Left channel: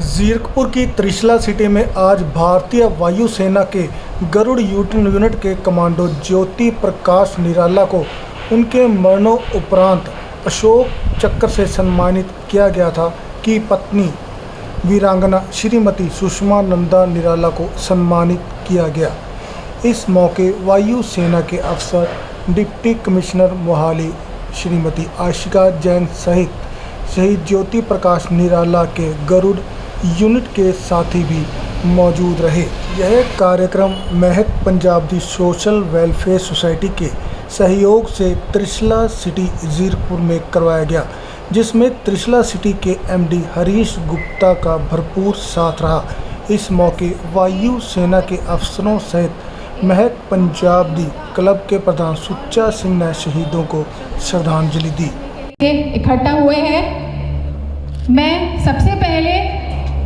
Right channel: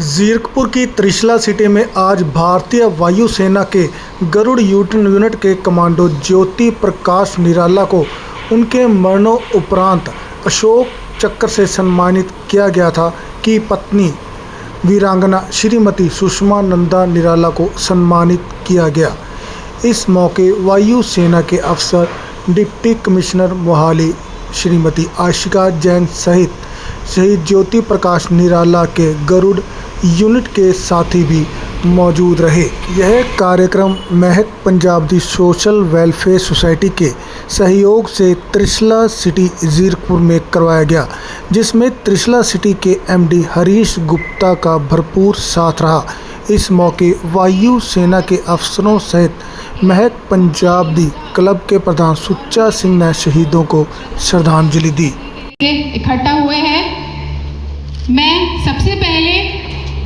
जीरकपुर की त्रिशला सिटी में आज भारतीय वायुसेना के गरुड़ यूनिट के कमांडो ज्योति प्रकाश निराला को उनके मरणोपरांत अशोक चक्र से सम्मानित किया गया था कि पत्नी वीरांगना श्रीमती सुषमा नंदा निराला को सम्मानित किया गया। इस मौके वायु सेना के अफसर डिप्टी कमिश्नर मोहाली श्रीमती आशिका जैन सहित शहीद ज्योति प्रकाश निराला के गरुड़ यूनिट के साथी भी मौजूद रहे। यह कार्यक्रम महक पंजाब दी सोशल वेलफेयर सोसाइटी के सहयोग से त्रिशला सिटी जीरकपुर में करवाया गया, जिसमें त्रिशला सिटी के एमडी हरीश गुप्ता का भरपूर साथ रहा। इस मौके वायु सेना के अफसरों सहित महक पंजाब दी क्लब के प्रधान सुच्चा सिंह ने शहीदों को श्रद्धांजलि दी। इकट्ठा हुए हैं, मैं सबसे पहले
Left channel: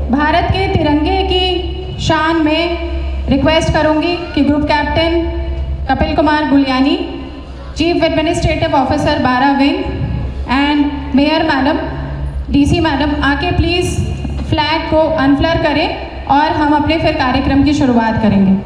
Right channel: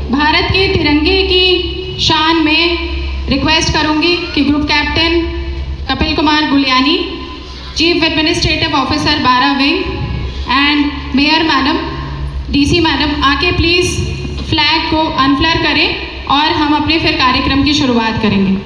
भारत के तिरंगे की शान में रिक्वेस्ट करूंगी कि group captain Kapil Kumar Guliani, chief administrative officer 12 wing and mayor madam, DC madam आके प्लीज़ फ्लैग को अनफ्लर करें और हम अपने फिर कार्यक्रम की शुरुआत करेंगे।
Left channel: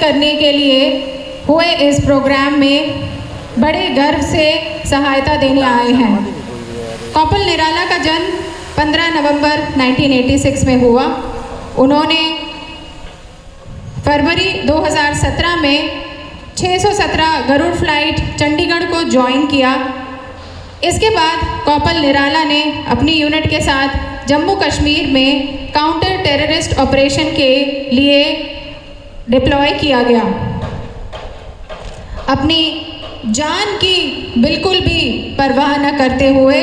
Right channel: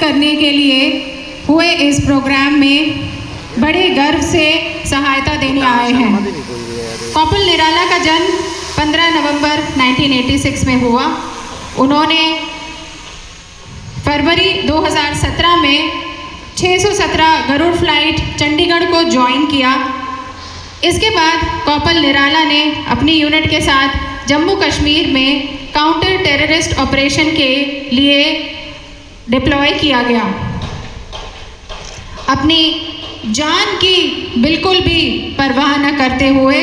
करने के लिए हुए इस प्रोग्राम में बड़े गर्व से सहायता देने आए हैं। कॉर्पोरल निराला का जन्म 15 नवंबर 1986 में हुआ। उन्होंने फरवरी 2017 में 617 गरुड़ फ्लाइट चंडीगढ़ को ज्वाइन किया। इसके बाद कॉर्पोरल निराला ने अपनी यूनिट के साथ जम्मू कश्मीर में काउंटर टेररिस्ट ऑपरेशन के लिए डिप्लॉय किया गया। अपनी जान की बिल्कुल भी परवाह न करते हुए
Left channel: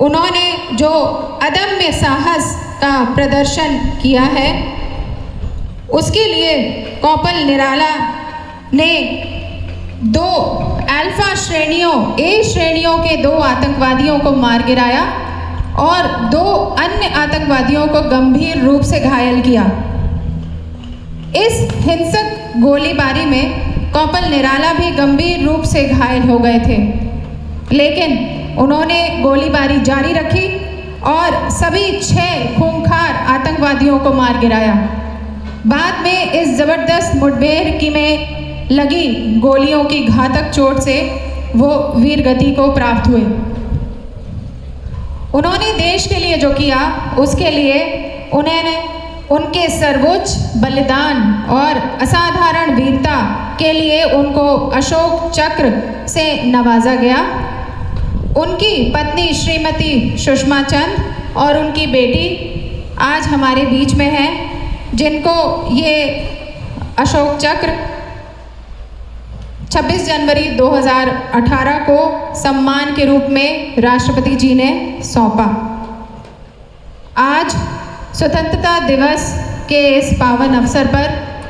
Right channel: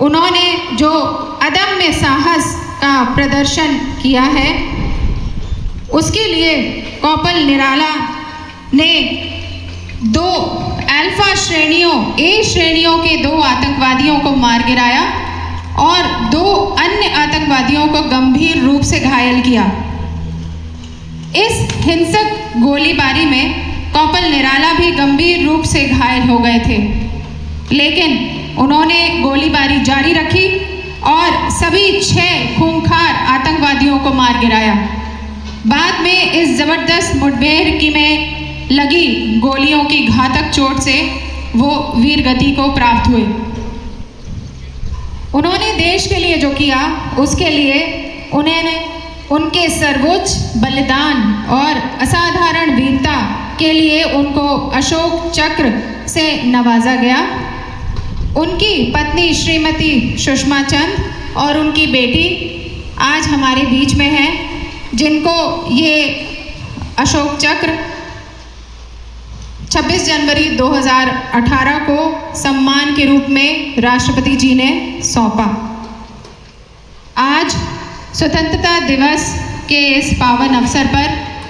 उन्होंने जो अदम्य साहस का प्रदर्शन किया है, उसके लिए कॉर्पोरल निराला ने 2 अल्फा श्रेणियों ए श्रेणियों के 2 आतंकवादियों को मार गिराया और 2 अन्य आतंकवादियों को गंभीर रूप से घायल किया। इस हिंसक गोलीबारी में कॉर्पोरल निराला भी गंभीर रूप से घायल हो गए थे, लेकिन उन्होंने गोलीबारी जारी रखी और सभी 6 खूंखार आतंकवादियों को मार गिराया। बाद में इस जबरदस्त मुठभेड़ में लगी गोलियों की घातक चोट से वो वीरगति को प्राप्त हुए। उन्होंने देश के लिए जो किया, उसके लिए उन्होंने उनके सर्वोच्च बलिदान और असाधारण वीरता के लिए उनको अशोक चक्र से नवाजा गया। उनकी पत्नी श्रीमती सुषमा चंद और उनकी बेटी आज हमारे बीच में हैं, जिनको ये अशोक चक्र 26 जनवरी 2018 को सम्मान के रूप में राष्ट्रपति जी ने सौंपा। आज स्वतंत्रता दिवस के इस पावन अवसर पर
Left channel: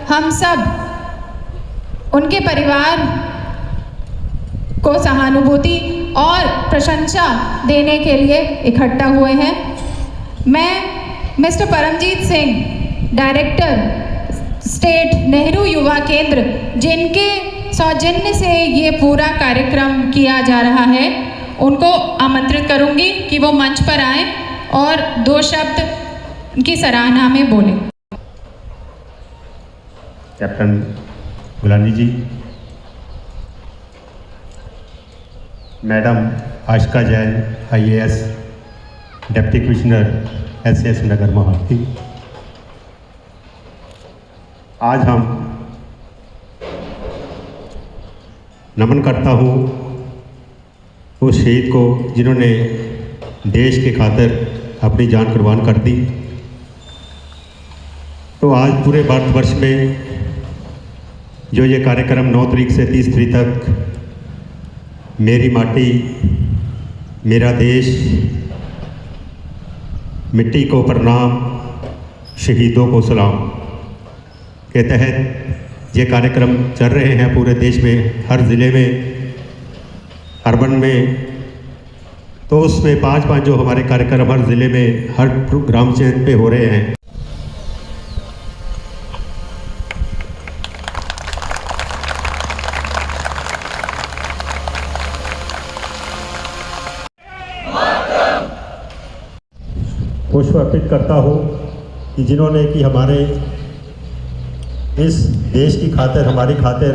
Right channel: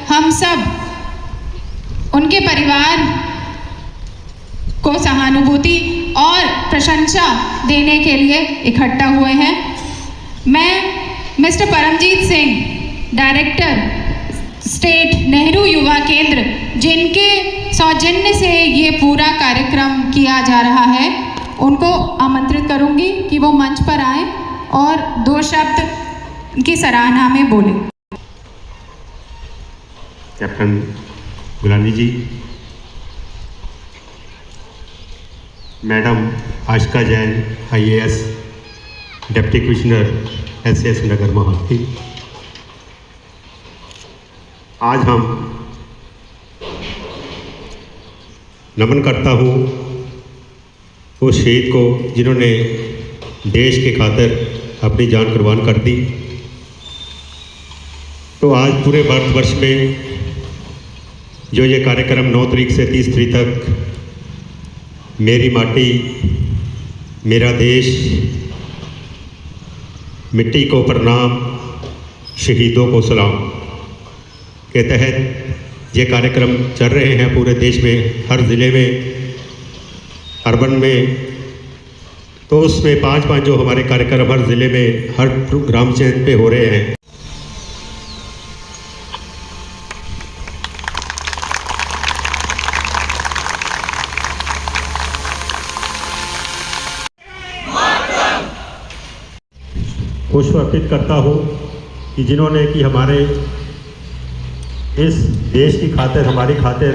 हम सब उनके परिवार को सहानुभूति और प्रशंसा देने के लिए इकट्ठा हुए हैं। मैं mister Paramjeet Singh, director state Nehru Yuva Kendra, जिनके सौजन्य से ये पूरा कार्यक्रम किया जा रहा है, उनको आमंत्रित करूंगी कि वो मंच पर आएं और 2 शब्द की सराहना में बोले। Captain Gulani ji, madam Ashika Jain IAS, deputy commissioner SS Nagar Mohali, आज हम नमन करता हूँ उस शहीद को जिन्होंने देश के खातिर अपनी जान कुर्बान कर दी। तो आज पूरे भारतवर्ष में जो ये कार्यक्रम 9 तारीख से 30 तारीख तक मेरी माटी मेरा देश, मिट्टी को प्रणाम, शहीदों को सलाम के तहत ये कार्यक्रम चल रहे हैं पूरे देश में, हर ज़िले में, अर्बन में। तो उसमें 5-5 जो हमारे कार्यक्रम हर ज़िले में, हर ग्राम पंचायत पे हो रहे हैं। पुष्प अर्पित करता हूँ कि जिन्होंने कि हमारे इस देश की खातिर, हमारी खातिर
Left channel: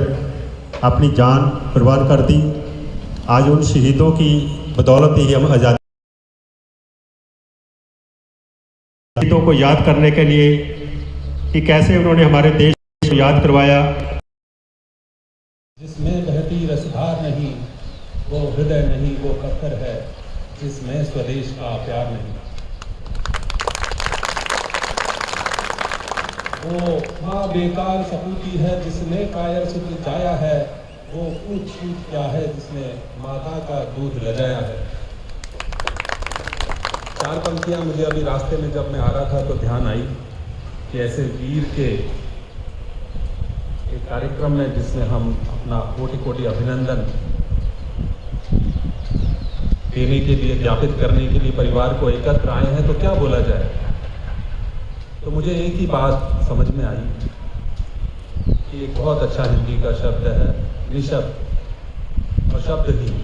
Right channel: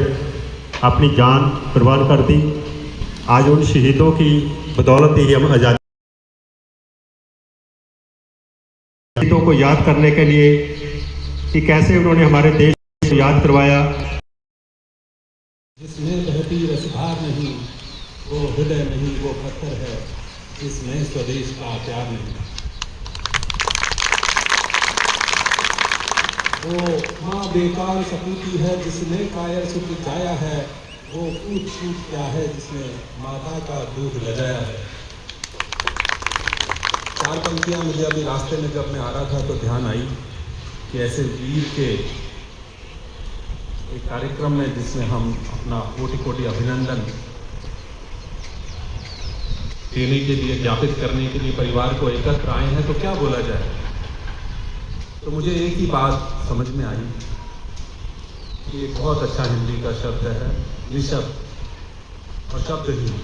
अपनी जान कुर्बान कर दी। आज उन शहीदों की बदौलत ही हम आज़ादी, शहीदों को याद करने के लिए कि कैसे उन्होंने हमारे देश को याद करवाया। जिसमें बहती रसधार नहीं, वो हृदय नहीं, वो पत्थर है जिसमें स्वदेश का प्यार नहीं। वो माँ बेकार सपूती है जिसने कायर सुख जाया है, वो ऊँच छूट क्या है जिसने माता का दूध लगाया है। चार पंक्तियाँ मुझे अभी रास्ते में जब मैं आ रहा था तो ध्यान आई कि ऐसे वीर के एक कार्यक्रम में जिसमें हम अपना कोटि-कोटि अभिनंदन देने के लिए, ज्ञापित करने के लिए परिवार को एकत्र आए हैं, तो क्या बोला जाए। तो मुझे एक ही बात समझ में आई कि एक बहुत अच्छा हिंदी का शब्द है निशब्द और शब्दहीन।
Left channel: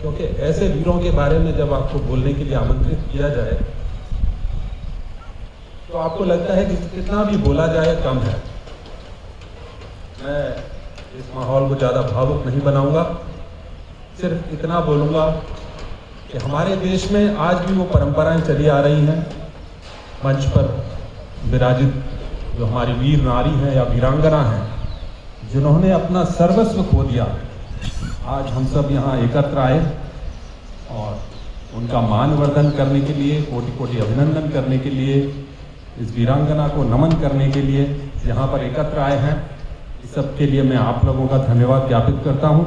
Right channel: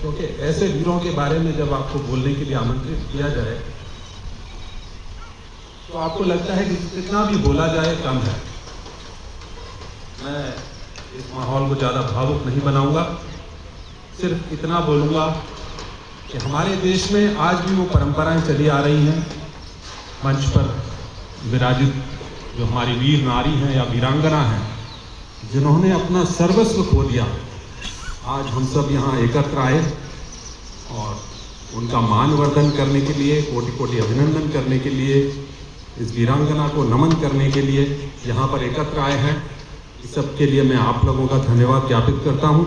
क्योंकि ऐसे वीरों के बारे में जब आपको बोलने के लिए आमंत्रित किया जाए तो आपको लगता है कि कितना भी बोला जाए कम है। मैं इस माहौल को ज़्यादा भावुक नहीं बनाऊंगा, सिर्फ इतना बोलूँगा कि हमारे देश में आज भी वो परंपराएं चली आ रही हैं। मंच पर विराजित जो हमारी वीर नारी हैं या वीरांगना हैं, जिन्होंने अपना सर्वस्व खो दिया, आज हम सब यहाँ एकत्र आए और उनका मानवर्धन करने के लिए, कोटि-कोटि अभिनंदन करने के लिए, इस वीरांगना को नमन करने के लिए यहाँ पर एकत्र आए हैं। इस सब के लिए मैं आप लोगों का धन्यवाद ज्ञापित करता हूँ।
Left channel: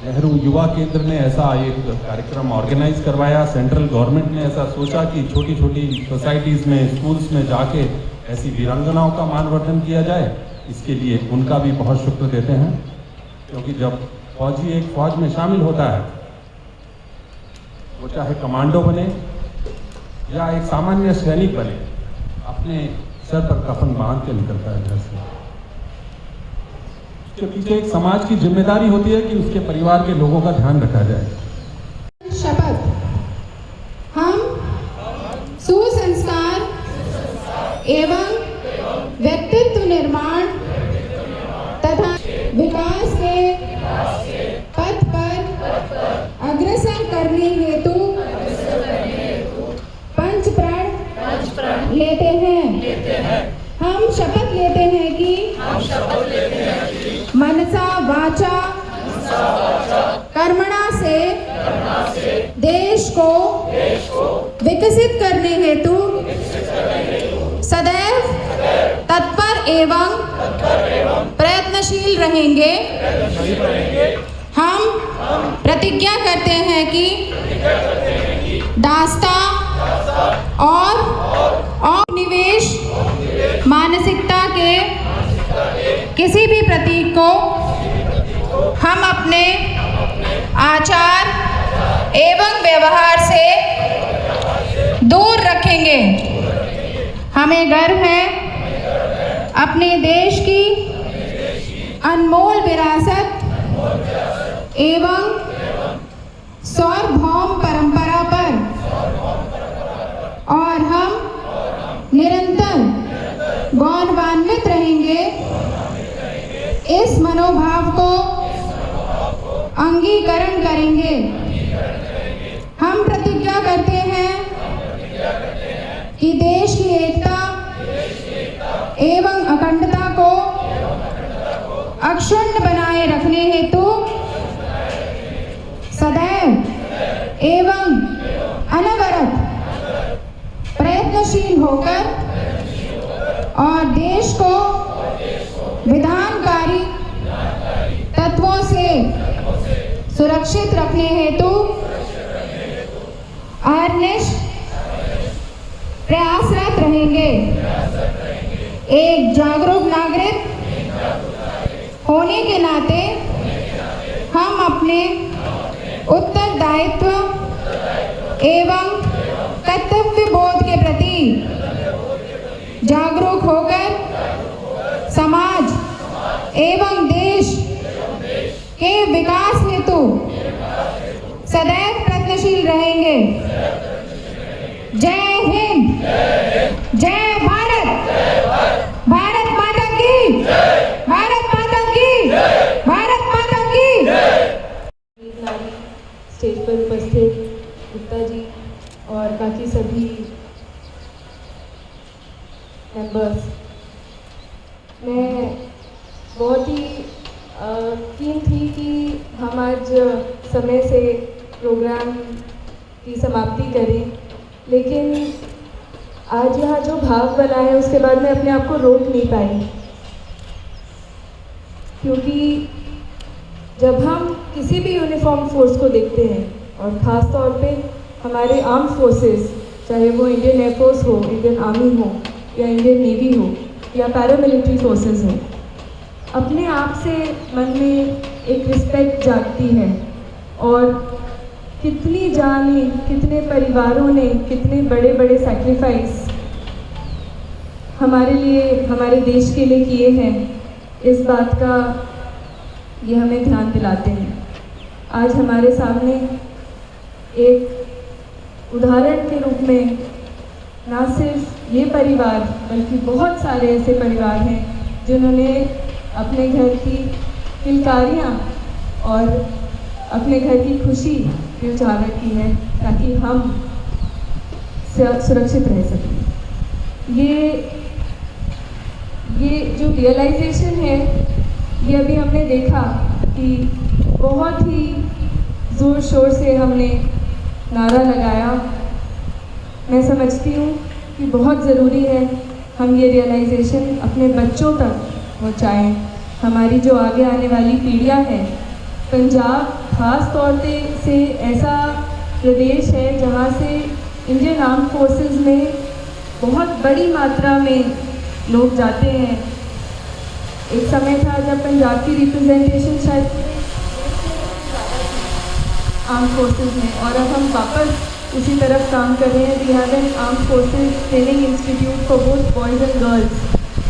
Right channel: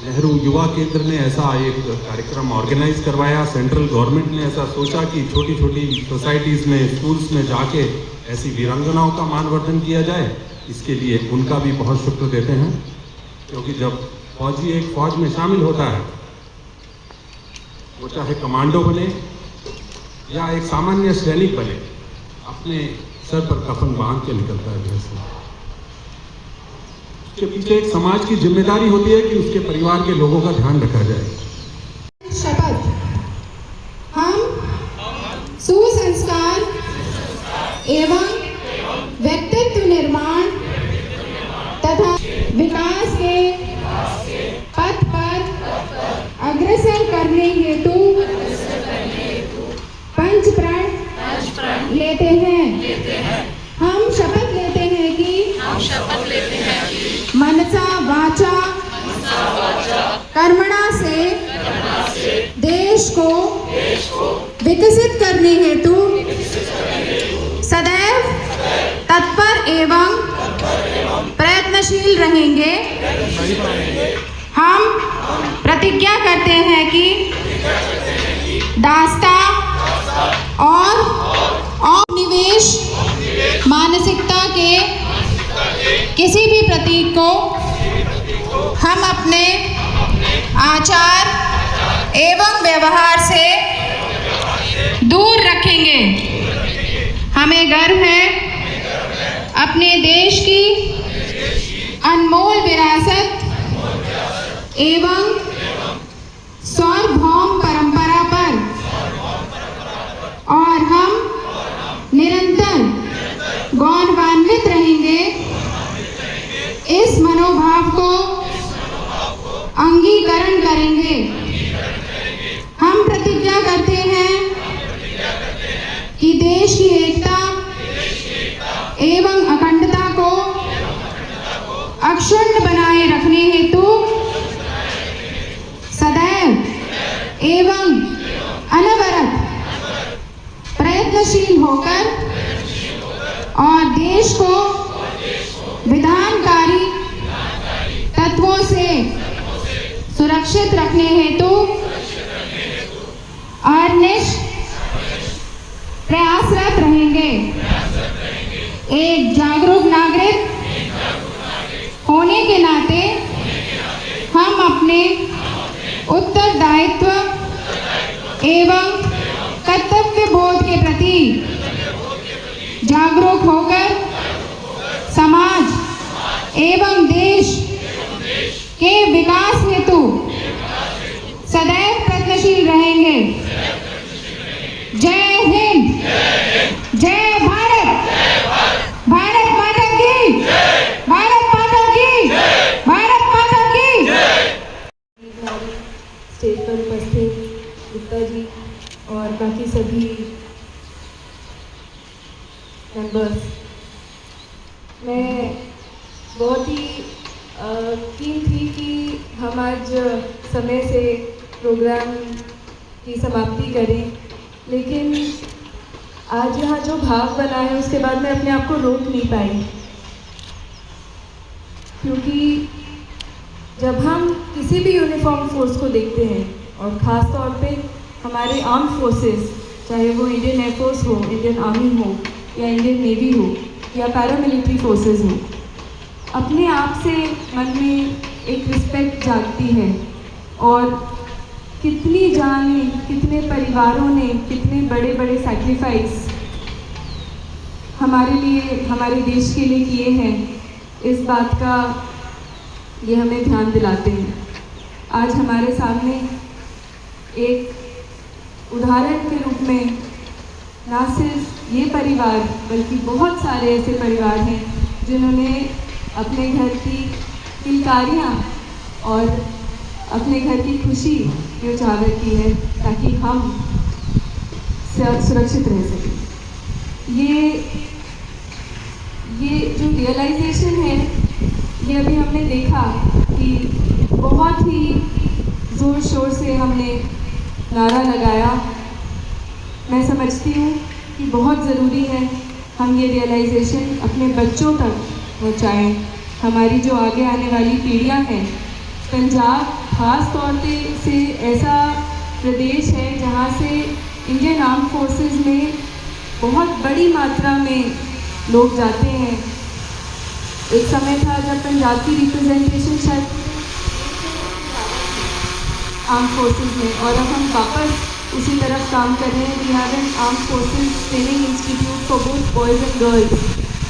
नेहरू युवा केंद्र ने ऐसा एक कार्यक्रम ऑर्गेनाइज करवाया। सेंट्रल गवर्नमेंट ने ऐसा सोचा कि छोटी छोटी सोसाइटीज़ में, स्कूल्स में जाके ऐसी वीरांगनाओं का मानवर्धन किया जाए। इसके लिए उनका भी बहुत शुक्र देते हैं, क्योंकि जब फौजी एक फौज में शामिल होता है, वो चाहे कमांडो बने या एक सामान्य सैनिक बने, अपने सर पर कफन बांध के निकलता है घर से। के पीछे एक समाज की जिम्मेदारी होती है कि उसके परिवार के लोगों का ध्यान रखा जाए। शपथ। हम सुसंस्कार एवं व्यक्तित्व निर्माण तथा विकास के पथ पर अग्रसर करने हेतु पंच प्रण लेते हैं। हम शपथ लेते हैं कि मनसा वाचा कर्मणा से देश को विकसित करने हेतु सदैव तत्पर एवं प्रयत्नशील रहेंगे। हम प्रतिज्ञा करते हैं कि दास्ता और निवेश मानसिकता के किसी भी प्रतीक को हम अपने आचार एवं व्यवहार से दूर रखेंगे। हमें गर्व है अपने देश की अनमोल विरासत एवं सार्वभौम परंपरा पर, और हम निरंतर गौरवान्वित रहेंगे। इस मनोभाव को अंगीकरण करेंगे। हम प्रतिज्ञा करते हैं कि देश की एकता एवं अखंडता को अक्षुण्ण बनाए रखने हेतु सदैव एवं अनवरत प्रयत्नशील होकर और देश को विधानकारी तत्वों से सुरक्षित रखने हेतु अनिश्च प्रयासरत रहेंगे एक जागरूक नागरिक होने के नाते हम अपने उत्तरदायित्व एवं कर्तव्य बोध के प्रति जागरूक होकर समाज एवं देश के विकास हेतु सदैव प्रयत्नशील रहेंगे। जय हिंद, जय भारत, भारत माता की, भारत माता की, भारत माता की। स्टेज पर उपस्थित गुप्ता जी और बाकी सभी मेंबर्स, मैं बहुत ही कीन थी कि हम आज समय से प्रोग्राम की समाप्ति करें, लेकिन आज यहाँ जो भाव बना है उसके बाद मैं अपने आप को रोक नहीं पाई, क्योंकि जब हम किसी भी यूनिफॉर्म फोर्स को देखते हैं और ख़ास तौर पे हमारे आर्म फोर्सेस, चाहे वो इंडियन एयरफोर्स हो, इंडियन आर्मी हो या इंडियन नेवी हो या पैरामिलिट्री फोर्सेस हो, अपने आप से मन में एक रिस्पेक्ट जागती है। और कितनी जाने, कितने परिवारों ने कितने बड़े बड़े सैक्रिफाइस हमारे लिए, हमारे देश के लिए किए हैं, इस बात का ये हमें ध्यान दिलाते हैं। आज हमारे सामने एक उदाहरण के रूप में ना सिर्फ ये परिवार बल्कि बहुत सारे ऐसे परिवार हैं जिन्होंने अपने घर की किलकारियाँ और अपने घर की खुशी उजागर की है ताकि हम सुरक्षित रह सकें। ये जो रियलाइजेशन है, ये अभी हमने देखा कि बहुत ही ज़ोर शोर से हमने नारा लगाया। मैं समझती हूँ कि बहुत ज़रूरी है हम ये रियलाइजेशन अपने बच्चों तक पहुँचाएँ। हमारी जो आगे आने वाली पीढ़ियाँ हैं, पंजाब खास तौर से ऐसा प्रदेश है जहाँ से इंडियन आर्म फोर्सेस में बहुत बड़ी मात्रा में लोग जाते हैं। एक समय था जब पंजाब की रिप्रेजेंटेशन शायद आर्म फोर्सेस में, और अब हम वापस उसी तरफ काम कर रहे हैं। We have an arm forces training institute for both boys and girls,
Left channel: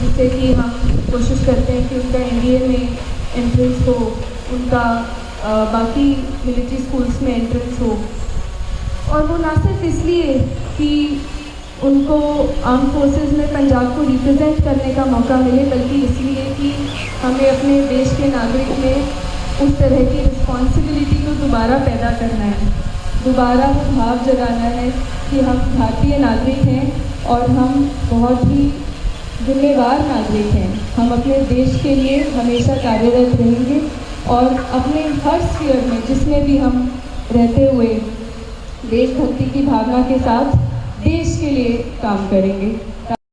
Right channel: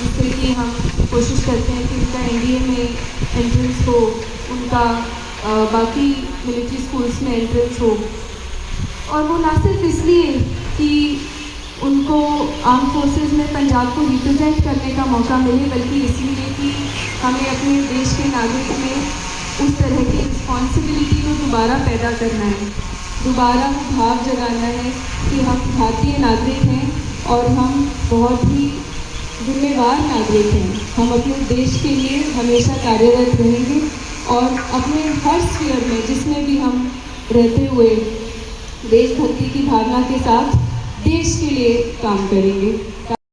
जिससे कि हम कोशिश करते हैं कि उनका एनडीए में एंट्रेंस हो, उनका बाकी मिलिट्री स्कूल्स में एंट्रेंस हो। और वो ना सिर्फ इसलिए कि उनको आर्म फोर्सेस में पंजाब को रिप्रेजेंट करने का मौका मिले, बल्कि इसलिए कि हमें अपने देश के नागरिक में उस तरह की रिस्पॉन्सिबिलिटी को दोबारा पैदा करना है, दोबारा वो भाव जगाना है कि हम भारतीय नागरिक हैं और हम बहुत ही जिम्मेवार नागरिक हैं। हम अपने देश के लिए हमेशा कार्यरत रहेंगे और अपने हर स्फीयर में, जिसमें भी हम रहते हुए, देशभक्ति की भावना के साथ देश के लिए काम करेंगे।